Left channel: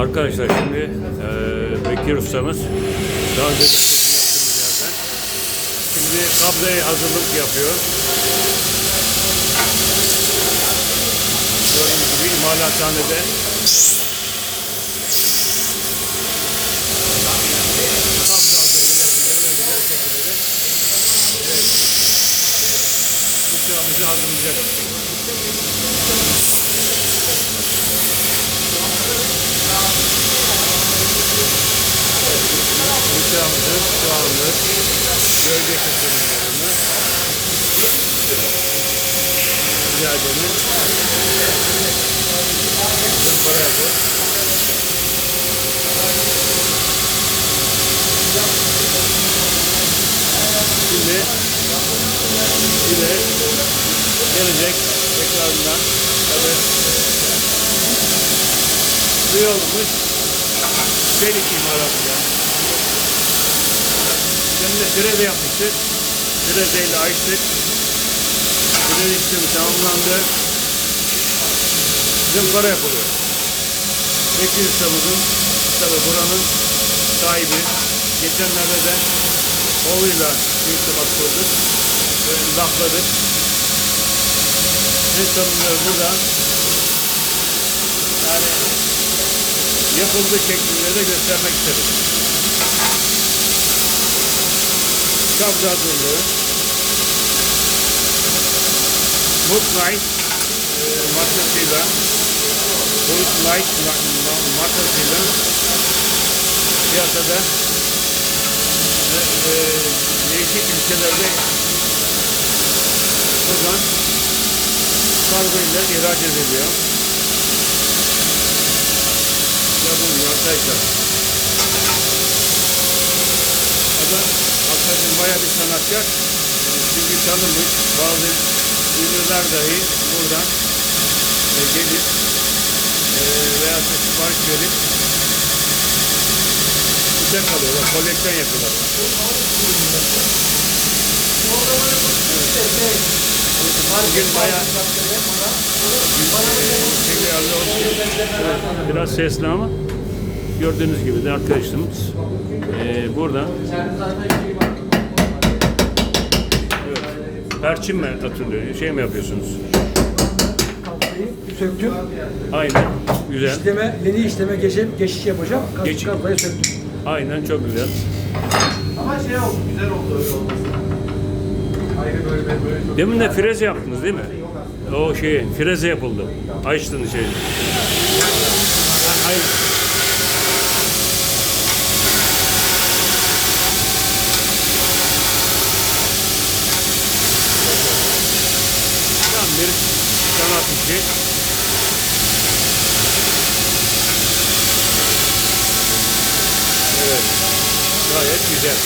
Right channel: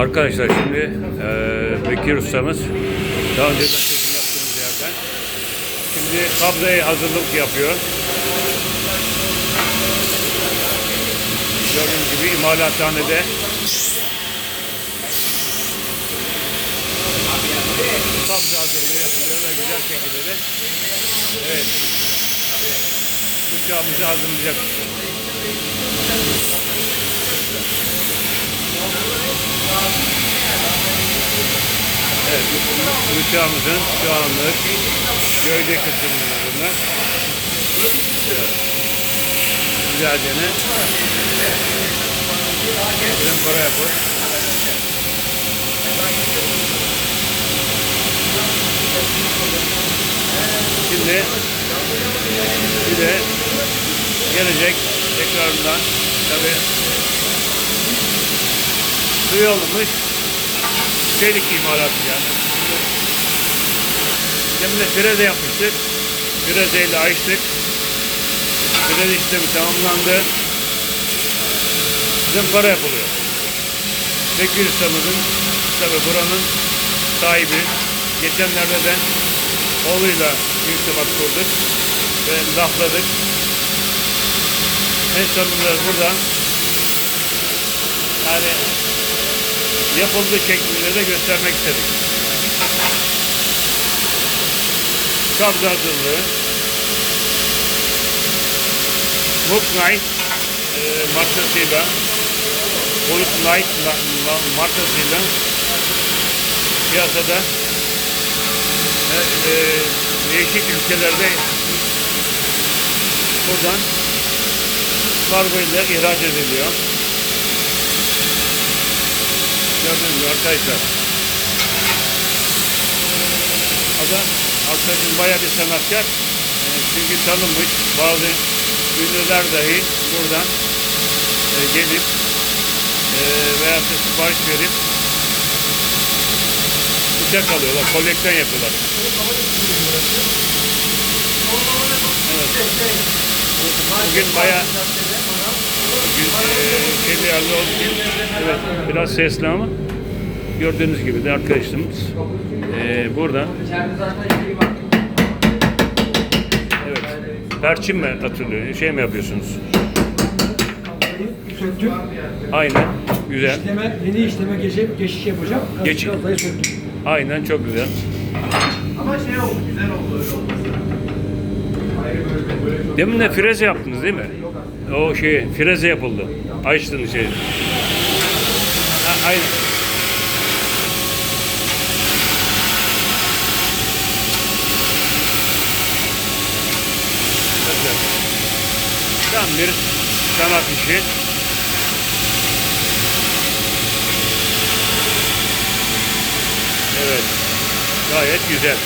Arkadaşlar şimdi eee Bekir ustamız daha önceden çekim yaptığımız yerden şimdi kabzaya hazırlık yapıyor. Gördüğünüz gibi imalathanede kabza hazırlığı yapılıyor ve güzel şekilde de evet bıçağımızı hazırlayacak. Bıçağımızın şu anlık gövde kısımlarını güzelce zımpara yapıyor. Şimdi bir de gelecek tekrarından tabi suyu olmuş çelik imalatı yani. Demin de freze yapmıştık. Frezeyle açtık. Freze işlemi tamamlandı. Zımpara yapılıyor. Bekir ustamızın tabi buranın sahibi. Geçenlerde de oğluyla irtibat kurduk ve lafladık. En sonunda burada yani yapıldığı şeklinde de göstermek istedik. Kabze hazırlığı Hook Knight e, markasıyla ma- ma- markasıyla piyasada e, e, değişik ülkelerde buradan kargo ile ihraç ediliyor. Gördünüz mü arkadaşlar? Adam arkadaşım baya bir sanatkar. E, çünkü tanınmış bazı ünlüler dahi buradan e, gelip e, veya da sipariş verip bıçak alıyorlar, koleksiyon yapıyorlar. Evet. Bugün bayağı şeyli alıyor. Evet, biraz sesli ama gördüğünüz gibi de arkadaşlarımız e, burada evet perçin mi atılıyor? Şey mi yapıyorsunuz? söktüm. Aynen. Güzel. İşleme, yeni işleme geçip geçiş yapacağım. Geç- Geçiş kablayı söktüm. Aynen çok güzel. Ama şey oldu, güzel oldu öyle olması. Ayrı bölme böyle Demin de freze yaptınız değil mi? O şey freze yapıldı. Açtın şey. Ha, aynen. Tam bir sanat işi. Evet. Gayet güzel.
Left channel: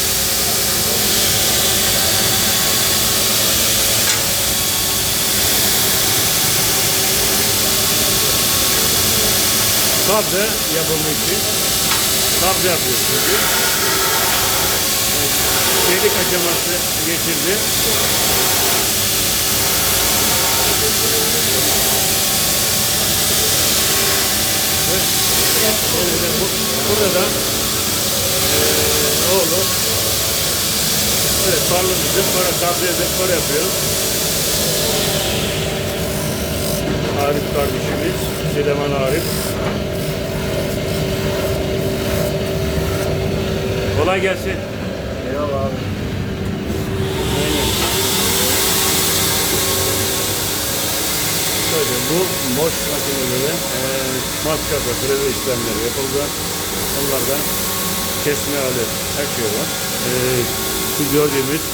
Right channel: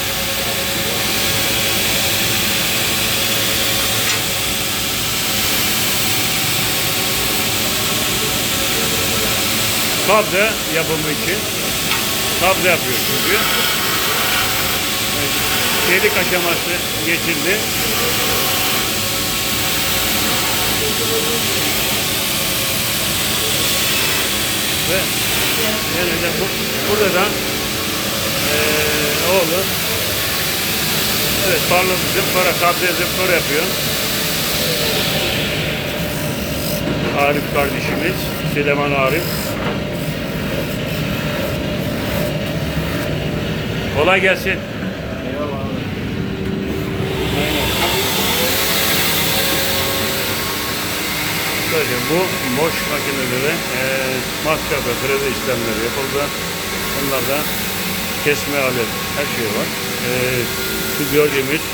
Kabze yapımı için kabze yapıyor çünkü. Evet, Çelik aşaması geçildi. Ve yine de bu, burada da eee oğlu Evet parlı bir zımpara, kabze zımpara yapıyor. Arif kardeşimiz, Süleyman Arif. Kolay gelsin. Sadece bu boş makinede de e, matkapla kredi işlemleri yapıldı. Onlarda kesme alet her şey var. E, şu gördüğümüz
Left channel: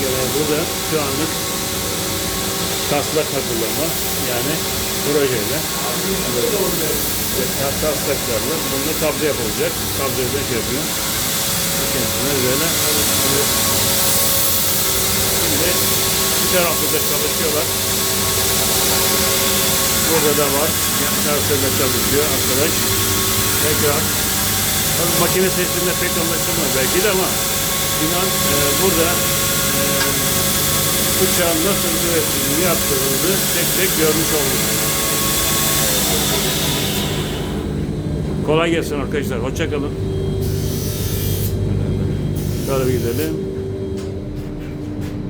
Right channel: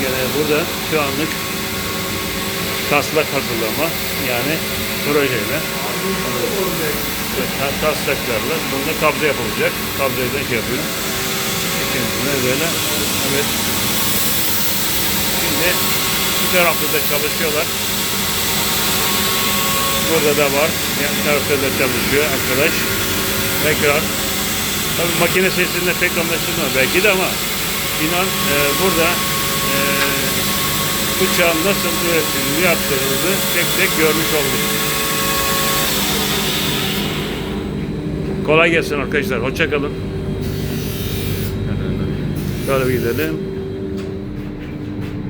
gene burada şu anlık taslak hazırlama yani projeyle ve ta- taslaklarla bunda kabze yapılacak. Kabzeyle şey yapıyor. Kendisine böyle evet. Şimdi bir tarafta da çalışıyorlar. Burada da var. Yan tarafta çalışıyor arkadaş. Tekrar. Tabii makine sesinde pek anlaşılmıyor belki de ama inan e, burada e, bıçağın nasıl üretildiğini yaptığını tek tek görmüş olduk. Kolay gelsin arkadaşlar. Hoşça kalın. Şöyle bir gidelim.